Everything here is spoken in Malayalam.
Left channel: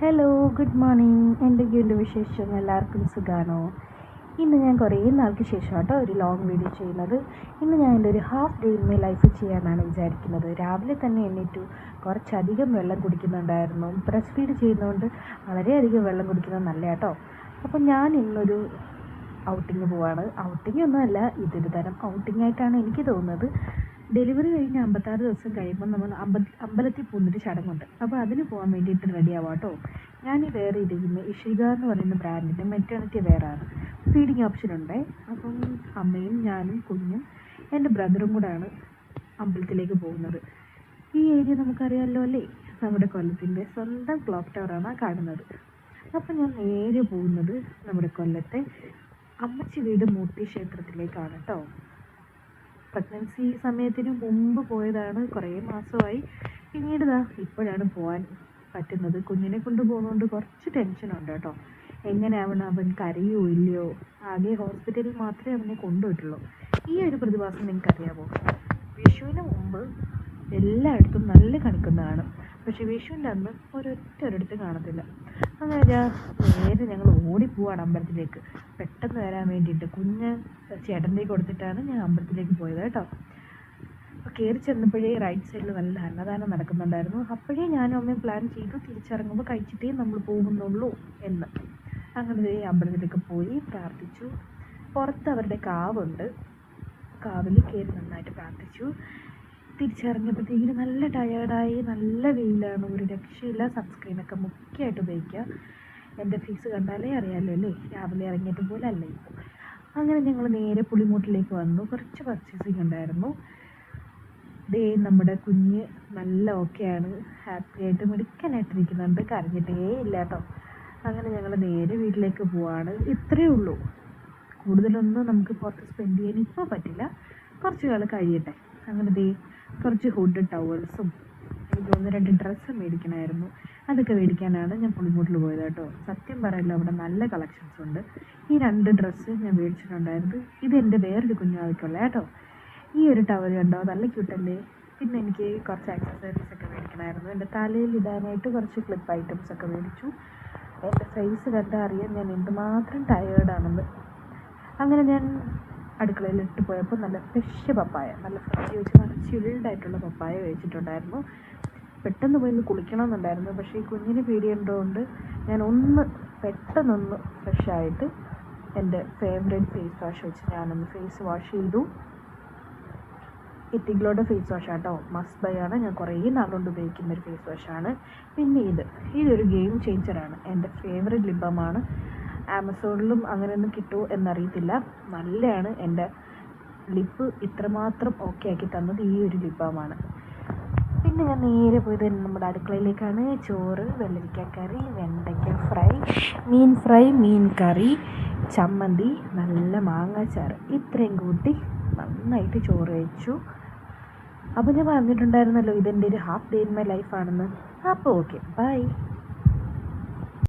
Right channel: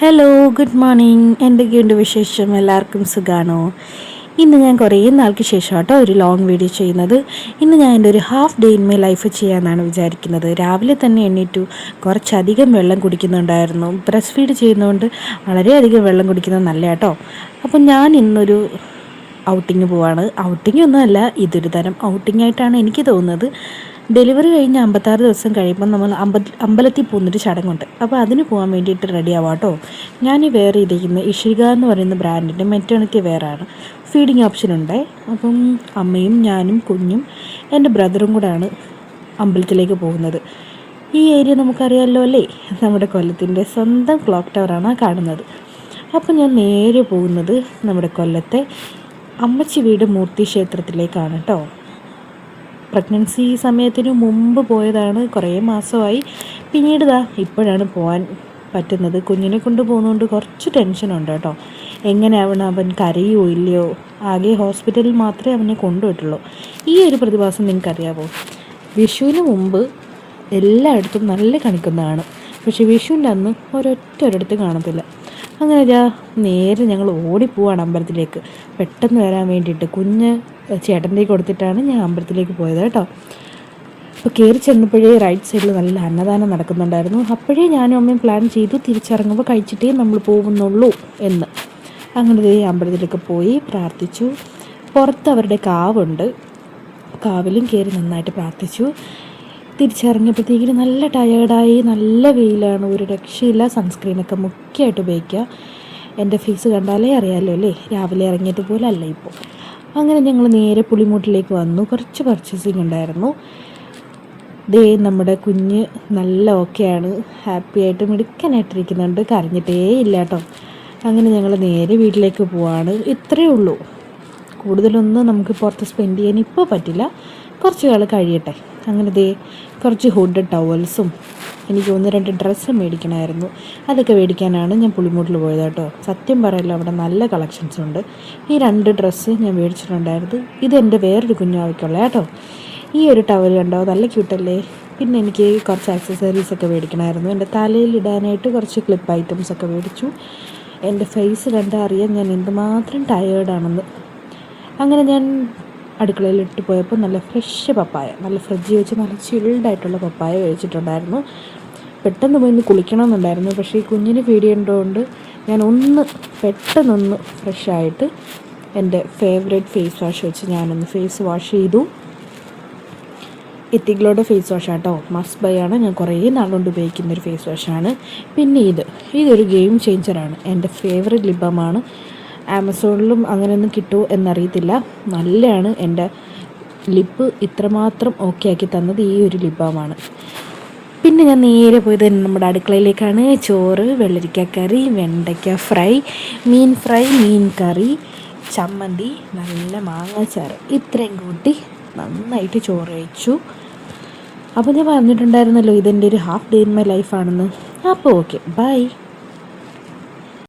Hello, good morning. എന്തൊക്കെയുണ്ട് വിശേഷം? എല്ലാവർക്കും സുഖമാണോ? ഇന്ന് ഞാൻ കുറേ നാൾക്ക് ശേഷം കേട്ടോ ഒരു ലോങ് വീഡിയോ ചെയ്യുന്നത്. ഇന്ന് ഞാൻ എൻ്റെ ഒരു half day in my life ചെയ്യാമെന്നാണ് വിചാരിക്കുന്നത്. രാവിലെ തന്നെ എണ്ണീറ്റു, കുറച്ചധികം വെള്ളം കുടിക്കുന്നുണ്ടായിരുന്നു. ബ്രസ്റ്റ് ഫീഡ് ചെയ്യുന്നതുകൊണ്ട് വളരെയധികം വെള്ളം കുടിക്കുന്നത് നല്ല കേട്ടോ. അപ്പം ഞാൻ ഇന്നൊരു ഔട്ടിങ് പോവാണ്. ഔട്ടിംഗ് ഒന്നുമല്ല, ഇതൊരു തരം ഔട്ടിംഗ് ആയിട്ടാണ് എനിക്ക് തോന്നുന്നത്. ഡെലിവറി കഴിഞ്ഞ് 56 ദിവസം കഴിയുമ്പോൾ നമ്മൾ അമ്പലത്തിൽ പോകുന്നൊരു ചടങ്ങുണ്ട്. അപ്പോൾ അതിന് പോകാൻ വേണ്ടിയിട്ട് റെഡി ആവാം കേട്ടോ. ഞാൻ ഈ വെയർ ചെയ്തിരിക്കുന്നത് ഇഷിക എന്ന് പറയുന്ന ബ്രാൻഡിൻ്റെ മെറ്റേണിറ്റി വെയറാണ്. ഫീഡിങ് ഓപ്ഷൻ ഉണ്ട്. അപ്പം അമ്മയും ഞാനും കുഞ്ഞും എൻ്റെ ബ്രദറും കൂടെയാണ് അമ്പലത്തിലേക്ക് പോകുന്നത്. ഈ ഏരിയ നമുക്കറിയാമല്ലോ അല്ലേ, നമ്മുടെ കൊല്ലത്തിൻ്റെ സ്വന്തം ക്ലോക്ക് ടവറാണ് കാണുന്നത്. അപ്പം ഞാൻ നേരെ പോകുന്നത് നമ്മുടെ കൊല്ലത്തെ അമ്മച്ചി വീട് മൂർത്തി ക്ഷേത്രത്തിലേക്കാണ് കേട്ടോ. പ്രഗ്നൻസി സമയത്തിന് മുമ്പ് പോയതാണ്, കുറേ മാസമായി. പിന്നീട് ഇപ്പോഴാണ് പോകാൻ പറ്റുന്നത്. കുഞ്ഞിനെ കൊണ്ട് പോകുന്നതുകൊണ്ട് കുറച്ച് ടെൻഷനുണ്ട് കേട്ടോ. എങ്ങനെയാവണം, അവൻ കരയോ ഇല്ലയോ? ആകെ ഹോസ്പിറ്റലിൽ മാത്രമേ അവനെ കൊണ്ടുപോയിട്ടുള്ളൂ. ഈ ഒരു പ്രതിഭാസം നിങ്ങൾക്കറിയാമോ? വിഷുവിന് മുമ്പ് എല്ലായിടത്തും നല്ല കണിക്കുന്നതാണ്, പക്ഷേ വിഷുവിൻ്റെ അന്ന് ഒരൊറ്റൊരിടത്ത് കാണത്തില്ല. അങ്ങനെ നേരെ ഞങ്ങൾ ഓടിപ്പോവാണ് അമ്പലത്തിലേക്ക് പെട്ടെന്ന് വരാൻ വേണ്ടിയിട്ട്. കുഞ്ഞ് ചേട്ടൻ്റെ കൊടുത്തിട്ടാണ് ഞാൻ അമ്പലത്തിലേക്ക് പോയത് കേട്ടോ. അപ്പോൾ കയറി ചെന്നപ്പോഴേ റൈറ്റ് സൈഡിൽ നല്ല അന്നദാനം നടക്കുന്നുണ്ടായിരുന്നു. അപ്പോഴേ ഞാനും അമ്മയും പ്ലാൻ ചെയ്തു തിരിച്ചിറങ്ങുമ്പോൾ കഴിച്ചിട്ടേ നമ്മൾ പോകുന്നുള്ളൂ എന്ന്. അങ്ങനെ അമ്പലത്തിലേക്ക് പോയി പ്രാർത്ഥിച്ചു. പുറത്ത് അവരുടെ കാവുണ്ട്, കാവിലും കയറി നന്നായിട്ട് പ്രാർത്ഥിച്ചു. തിരിച്ചിറങ്ങിയപ്പോഴത്തേക്കിന് നല്ല ടയേർഡായി. നല്ല വെയിലാണ്, ഒരു രക്ഷയില്ല. സൺസ്ക്രീനൊക്കെ മുഖ്യമായിട്ട് ഉപയോഗിക്കുക. എൻ്റെ ഫേസ് കണ്ടാലേ അറിയാമല്ലോ അല്ലേ, രാവിലെ ഇറങ്ങിയതുപോലെ അല്ല ഇപ്പോൾ. അങ്ങനെ ഞങ്ങൾ നേരെ പുളിമൂട്ടിലേക്ക് വന്നു. കുറച്ച് പർച്ചേസിങ് ഉണ്ടായിരുന്നു. നമ്മുടെ കുഞ്ഞ് നല്ല ഓക്കെയാണ്, ഹാപ്പി ആയിട്ട് മിടുക്കനായിട്ടിരിക്കുന്നുണ്ട്, കരഞ്ഞിട്ടേ ഇല്ല കേട്ടോ. അങ്ങനെ ഞങ്ങൾ നേരെ വീട്ടിലേക്ക് പോവാണ്. ഇത്രയേ ഉള്ളൂ, കൂടുതലൊന്നും നമുക്ക് പുറത്ത് സ്പെൻഡ് ചെയ്യാൻ ഇപ്പോൾ പറ്റില്ല, കുറച്ച് കാലം കഴിയട്ടെ. അങ്ങനെ കുറച്ച് ഹുഡ് ടവൽസും എനിക്ക് 1-2 ഡ്രസ്സ് മേടിക്കണമായിരുന്നു. അതൊക്കെ മേടിക്കാനാണ് ഞാൻ പുളിമൂട്ടിൽ പോയത് കേട്ടോ. സത്യം പറയല്ലോ, അവിടെ നല്ല കളക്ഷൻസ് ഉണ്ട്. ഈ 2 ഡ്രസ്സ് ഞാൻ മേടിച്ചിട്ടുണ്ടായിരുന്നു. ഇതെൻ്റെ വേറൊരു കുഞ്ഞാവയ്ക്കുള്ള കേട്ടോ. ഈ ഒരു ടവൽ കണ്ടോ, നല്ല ക്യൂട്ടല്ലേ. പിന്നെ എനിക്ക് കുറച്ച് ആക്സസറീസൊക്കെ മേടിക്കണമായിരുന്നു. എൻ്റെ തലയിൽ ഇടാനായിട്ട് കുറച്ച് ക്ലിപ്പ് ഐറ്റംസൊക്കെ മേടിച്ചു. എൻ്റെ ഫേസ് കണ്ടാൽ അറിയാം ഞാൻ എന്തുമാത്രം ടയേർഡാണെന്ന്. അങ്ങനെ ഞാൻ അടുക്കളയിൽ ഇട്ട് പോയപ്പോൾ നല്ല ഫ്രഷ് പപ്പായ, നല്ല ഫ്രിഡ്ജിൽ വെച്ച് നല്ല ചിൽഡായിട്ടുള്ള പപ്പായ കഴിച്ചിട്ടുണ്ടായിരുന്നു. പെട്ടെന്ന് പോയി കുളിക്കണമെന്നുണ്ടായിരുന്നു, പക്ഷേ ഈ കുഞ്ഞിന് ഫീഡ് ചെയ്യേണ്ടതുകൊണ്ട് ഞാൻ പെട്ടെന്നൊന്ന് ഫ്രഷായിട്ട് എൻ്റെ ഫേവറേറ്റ് ഫേസ് വാഷ് വെച്ച് ഞാനൊന്ന് ഫേസ് വാഷ് ചെയ്തു. എത്തിഗ്ലോയുടെ ഫേസ് വാഷ് കേട്ടോ, മസ്റ്റ് ബൈ ആണ്. ഞാൻ കുറേ നാളുകൊണ്ട് ഉപയോഗിക്കുന്നൊരു ഫേസ് വാഷാണ്. പിന്നെ ഇതൊരു ഗെയിം ചേഞ്ചറാണ്. എൻ്റെ ഫേവറേറ്റ് ലിപ് ബാമാണ്. ആമസോണിലും അങ്ങനെയൊന്നും കിട്ടുമോ എന്നറിയത്തില്ല. നല്ലതാണ്. എൻ്റെ ലിപ്പ് ഇത്രമാത്രം ഓക്കെ ആക്കി തന്നത് ഈ ഒരു ലിപ് ബാമാണ്. പിന്നെ ഞാൻ നേരെ പോയത് നമ്മുടെ അടുക്കളയിലേക്കാണ്. ചോറ്, വെള്ളരിക്ക കറി, വെണ്ടയ്ക്ക ഫ്രൈ, മീൻ ഫ്രൈ, മീൻ കറി, ചമ്മന്തി, നല്ല മാങ്ങാച്ചാറ്, ഇത്രയും കൂട്ടി നന്നായിട്ട് ചോറ് കഴിച്ചു. അപ്പോൾ ഞാൻ പറഞ്ഞിട്ടുണ്ടായിരുന്നല്ലോ ഇതെൻ്റെ ഒരു ഹാഫ് ഡേ ഇൻ മൈ ലൈഫാണെന്ന്. അപ്പോൾ ഓക്കെ, ബൈ.